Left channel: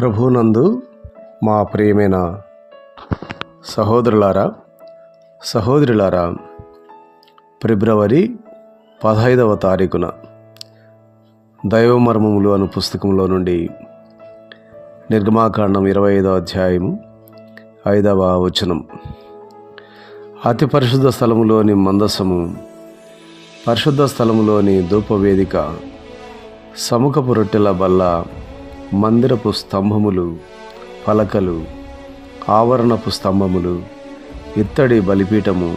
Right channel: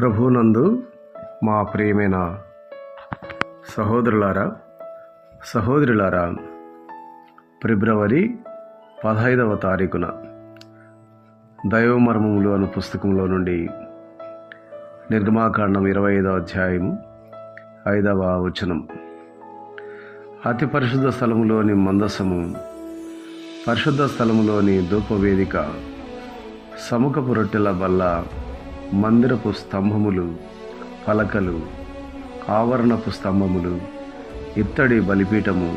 ప్రభునందు మా ప్రియమైన సహోదరులారా, ఫిబ్రవరి 15వ తారీఖున దైవమర్మములు అను పుస్తకంలో నుండి నిర్గమాకాండం 25వ అధ్యాయం 5వ వచనం. అతి పరిశుద్ధ స్థలములోని మందసము, పరిశుద్ధ స్థలములోని ధూపవేదిక, సముఖపు రొట్టెల బల్ల, మందిరపు స్తంభములు, పలకలు, ఆవరణపు స్తంభములు, ఇత్తడి బలిపీఠము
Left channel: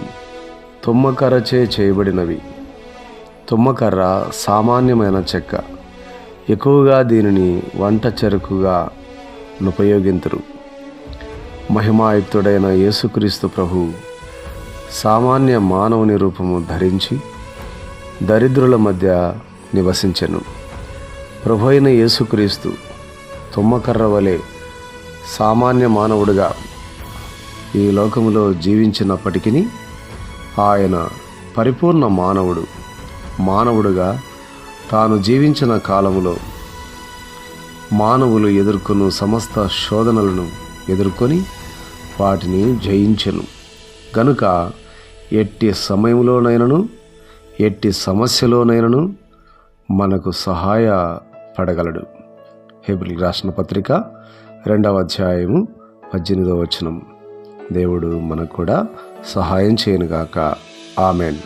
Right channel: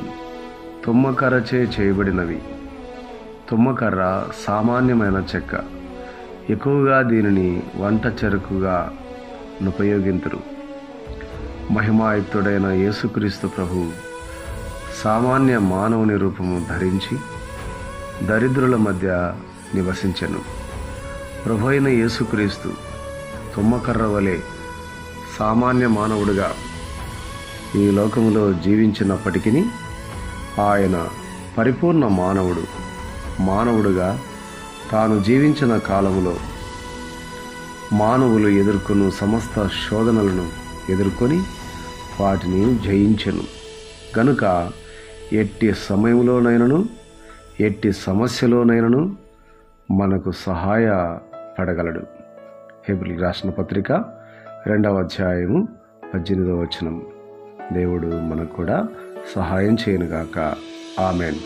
తుమ్మకర్రచే చేయబడినవి. తుమ్మకర్ర సామాన్యమైన చెక్క, ఎక్కువగా దీనిని వంట చెరుకుగా ఉపయోగింతురు. మహిమాయుక్తుడైన యేసుక్రీస్తు ప్రభు సామాన్య మానవుని రూపము ధరించి దరిద్రుల మధ్య నివసించెను. ప్రభు అయిన యేసుక్రీస్తు తుమ్మకర్ర వలె సామాన్య మానవుడుగా ఈ లోకములో జీవించినప్పటికీ ఆయన పరిపూర్ణ మానవుడుగా తాను జీవించిన కాలములో మానవులు ఎదుర్కొన్న సమస్త శోధనలను ఎదుర్కొని వాటిని జయించెను. గనుక ఎట్టి సమయంలోనైనను ఎట్టి సమస్యలోనైనను మనకు సహాయపడగలడు. హెబ్రీయులకు రాసిన పత్రిక 2వ అధ్యాయము 18వ వచనం. దేవుడు మనకు కూడా సహాయం చేయనుగాక. ఆమెన్.